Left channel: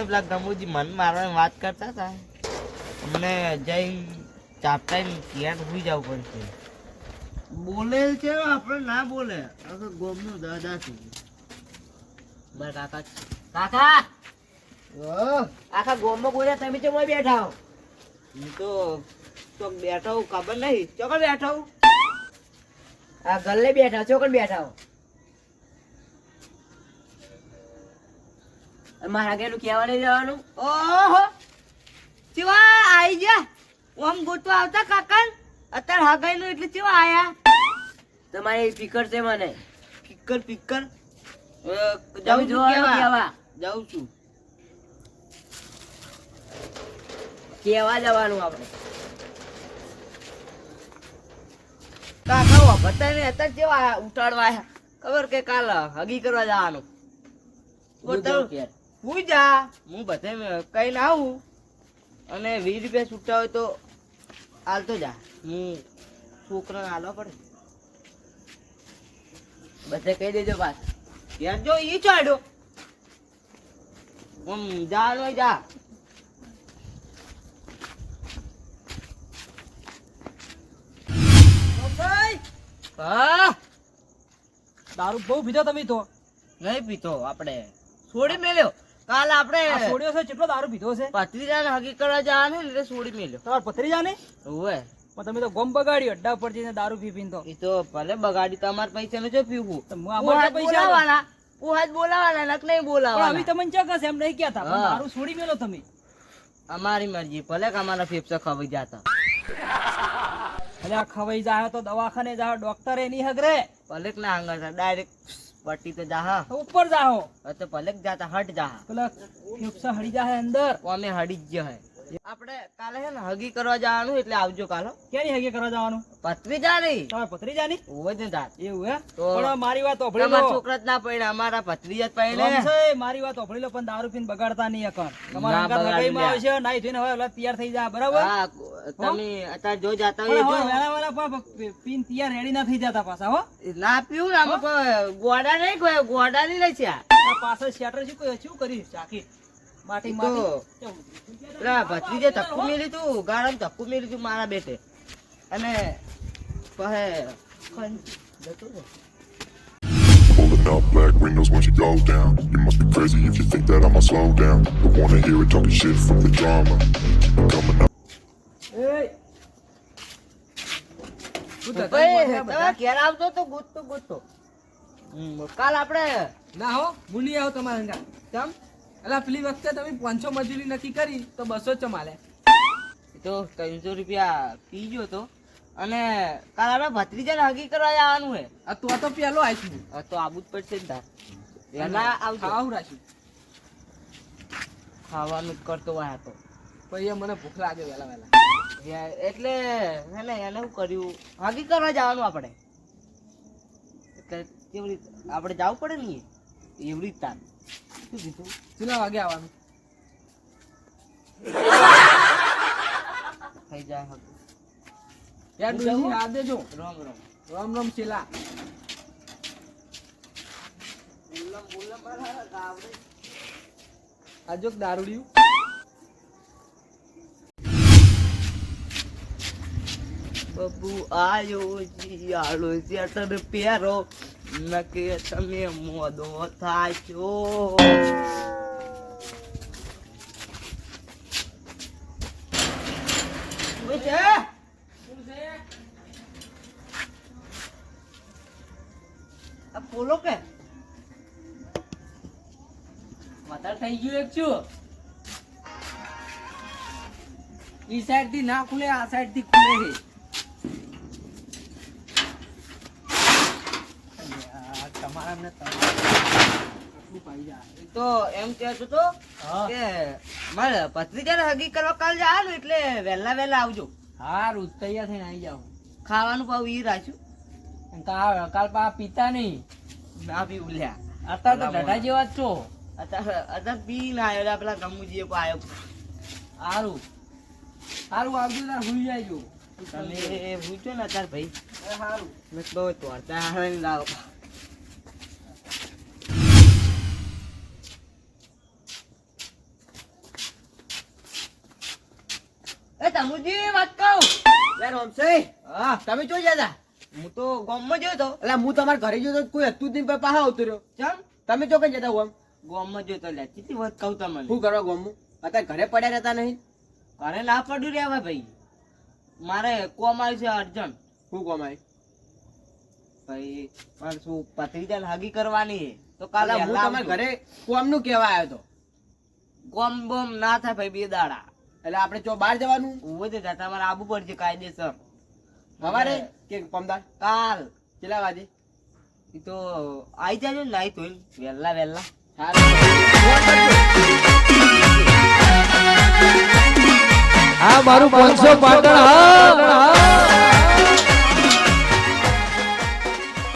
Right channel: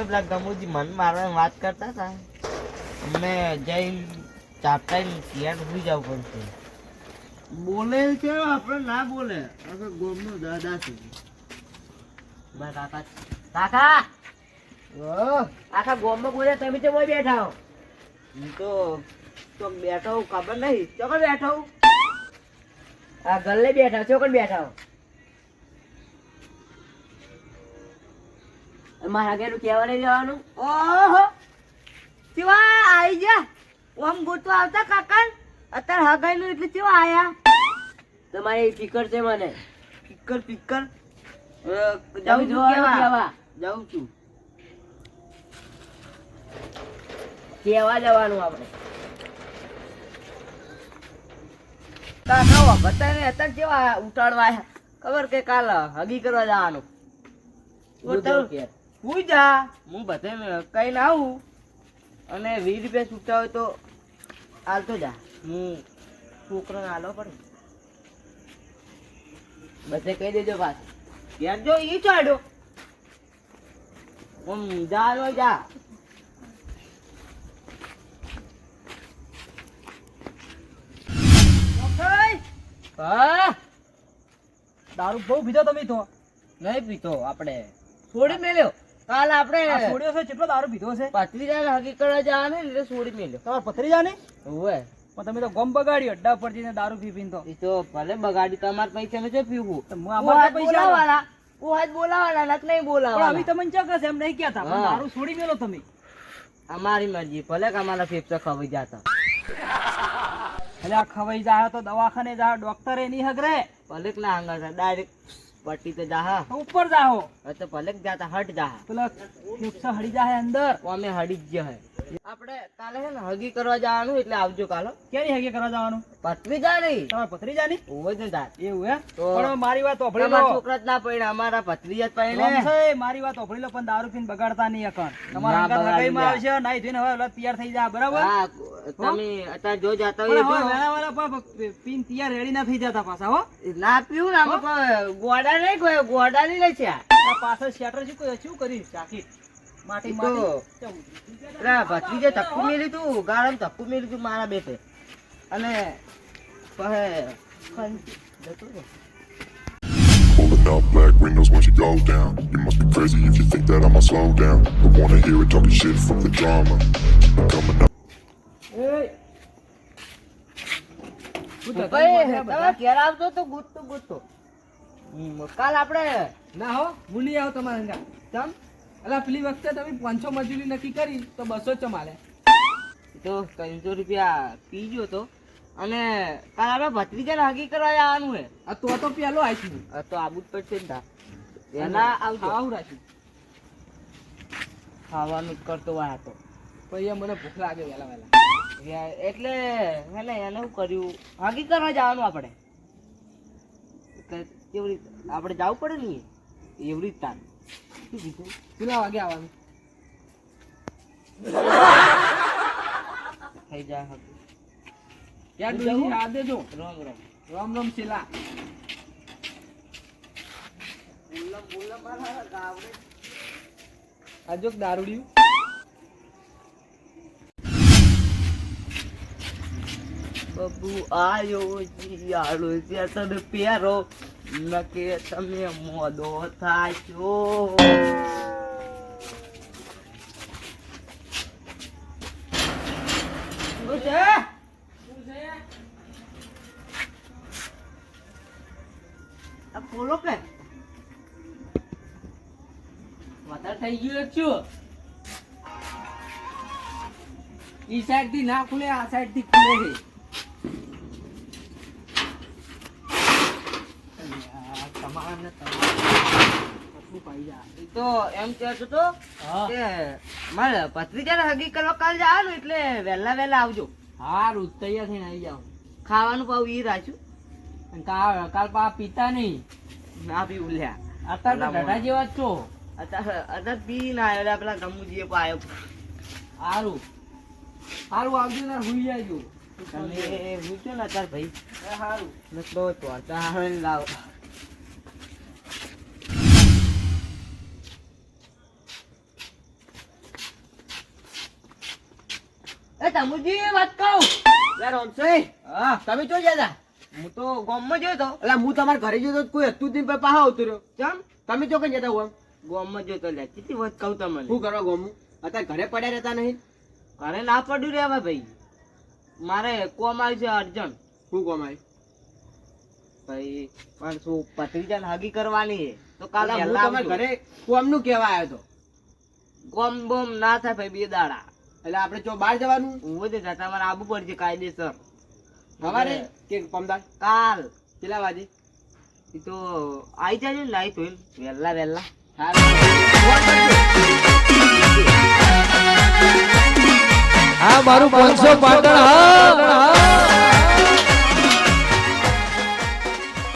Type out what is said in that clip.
તમે પેલા ગમુજી મન મારવાની વાત કરતા હતા. અમને જઈ ચાપતા ઘેર સુઈ જવું પડશે. બોલે છે આપણે ના બોલે. આ ગોમનો દાદા છે. બસ કાકા. કાકા! આખા આખા ગોમમાં બોલ્યા તમે ચમ બેઠા હો? હું તો તો બેઠો ખબર નહીં. ચોકડ બેઠો આ ગલ્લે બેઠા ચોકડ બેઠા મારા ઘેરનું કહેવા નહીં જવાનું. ઓહો! ચિવા આઈ જા. ઓમ ગોતવા આવતા કાકા અત્યારે હગાઈ નું એટલે ચિવા આયા. તમારી પીકર છે મને. પીકર પીકર જાઉં છું કેવા? જાઉં છું. કેવા જવાનું આપણે. કાકા બતાને અત્યારે જેવા ઉઠાડવા ખબર કે કાલ હગી કરવા જવાનું. હું જા. હું બધે કઈ ના આવું. અને વીસ રૂપિયા છૂટા હોય તો હાલતો જા. હું છોકરાને હાલવા પડે. બધે કહી દેજો પાસ યાર જો ઈ ચાડ્યો આમ જા લો જા. હા? દારૂ બહુ પીધો તમે તો. નહીં પીતો આપણે. છોડી મેલ્યો. કાલ આપણે છોડ્યો છે કેટલો દારૂ પીધો છે? હગી કરવા જવાનું એટલે છોડી મેલ્યો. તમારે પથરી જાને? ઓવે પણ તમે તો ગમ બગાડ્યો અડ્ડા પર જઈને દારૂ પી પીને એ તો ભલે બગાડી તમારા પૈસા નું છે પીવું. અમારે પૈસા વાળા હાથ બોલાવાના. નક નહીં બોલાવાના. અમે તમને ચોક્કસ એમ નહીં કહેતા. પણ. દારૂ છોડી મેલો તમે. અમારી મરજી ભલે કે અમારા ફેફસા ખવાઈ જતા. એટલે આ ખવાઈ જાય તો દવાખાને જાય ડોક્ટરે નહીં હગરે. ભલે ના આંગળ ડાયરેક્ટ પટ્ટી તો જા હા તો ઉપર જાહો. તો ભલે જાતા હટ જા પેલા નુકસા હડી જાહે અંદર. ઓ અમે હડી જ હે. આપણે કાલે છે ને હગી કરવા જવાનું એટલે આવજો કાલે. ક્યાંની હગી કરવા જવાનું? પથરી જાની તમારે પથરી જાની ઓવે જ ને તાર એવું હે? તો- પણ મારી વાત ઓભળી તમારા છોકરા જ ના પડે અમારા પથરી જ પડે મારી વાત ઓભળી લો પણ દારૂ પીને બગાડતા નહીં અકણ તમારા અંગત લગાઈ માં. આવશે નાઈ ધોઈને હવે તૈયાર થઈ જા બરાબર? હા તમે અત્યારે જો જાતા પણ હોય તો વેલા વેલા પા- પીન તૈયાર રેડી ના થઈ જતા પાછા હો. ના પીવું ના ગોડા નહીં ગોડા નહીં લે છે પાછળ શેટર શું કોઈ શું કરી ચાકી માટી ઈ માટી તો પેલા ભત્રીજે ધક્કું મેલી તું ગાળામાં ધક્કું મેલી તું મારા બેટે અને. Pulling up black windows once you go down. You must be crazy if you think that I'ma slow down. Don't wanna hear it talking shit from the drama. I'm coming up. Hey. તમે? ઘેર આવતો તો ગૂંથતો. હમ, કાલ આપણે ના હો ભૂલી આવો તમારા ચમ એટલે પેલી વખતે તમે પાંચસો મજૂરી નક્કી કરી તો બસો જ ચમાલે તો ત્રણસો રૂપિયા પીજો તો. અને તારા આપણે ભત્રીજાને હગી કરવા આવવાનું હે. આ તો તો પેલો આવીશું તો આબુ જ પડશે ને તા. એના આવજો. આવું રાખ્યું ખાવાનું કરતો હોય આ તો. પછી મને ભૂખ લાગે વહેલા વહેલા. એટલે હે ને એને શું કર્યું? હગી કરવા જવાનું આપણે. કેવી રીતે? આપણે જવું પડે ને એવડી જ તાર શું કીધું કેટલા વાગે આવવાનું. થઈ જાય હગી યાર હું આ દેજો. રામ રામ. રામ રામ શીલા. આ જો દારૂડિયું. બબુ આયો શિયાળો તને પહેરો નકે તમે મોદો? આ ખોલો કે? વધારે થઈ ગયું એક છું. ઈ સાઈડથી ના ખુલે, આ સાઈડથી ખુલે છે યાર, તમારા ને તમારા આટલું પાઈ તો એમ કહેતો તો કે મારે ભત્રીજાને હગી કરવા કાલ જવાનું એટલે વહેલા વહેલા આવજો. હારું તૈયાર થઈને આવી જાઉં ખાવાનું પાવ ઈ રાખ્યું. કાલ કાલ પા પીતા નહીં. ના પી ઉલ્યા. અત્યારે તો ઢઢા જેવા જ છો. અત્યારે અત્યારે પી ના આવ્યો પેલા ગમુજીએ પણ આવ્યો હારું સારું આવજો ને હુઈ જાયજો. તમે પૂછો ને અત્યારે ભાઈ. સારું તો તોડતા આવે ને લાવો રમુજી વાત કહું. યાર ઓમસે હા. તમે ચો જતા હું તો ગામમાં જોયો તો એટલે હું તમારા ઘરે જોયો તો કોઈ હતું જ નહીં પછી આવતો રહ્યો. કેમ? તમે ચો કઈ જતા ઓમ ગામમાં જોયો તો લે કેટલી વાત કહું તમને. શું કરવા ગોમું અત્યારે ઘરે પડ્યા રહેતા નહીં? ઘરે ના પડ્યું રેવા ભાઈ. મારે કોમ છે અર્જન્ટ. શું કોમ આવી? ભાઈ મારે શું પત્રીજાને હાગી કરવાની છે? તો કાલે હું તમારા ઘરે કોમનું કેવા આવ્યો તો કોમ બોમ ના થાય ભાઈ બે દાડા. એટલે આપણે જો બહાર જવાનું ઊભો છે તમારે આબુ પડશે કાયદેસર. સવારે કે પમદાર કાલ. કેટલા વાગે? એ તો આઈ જાય ને લાઈ તો વહેલા વહેલા હા, મારું પાંચસો પાટણ હા.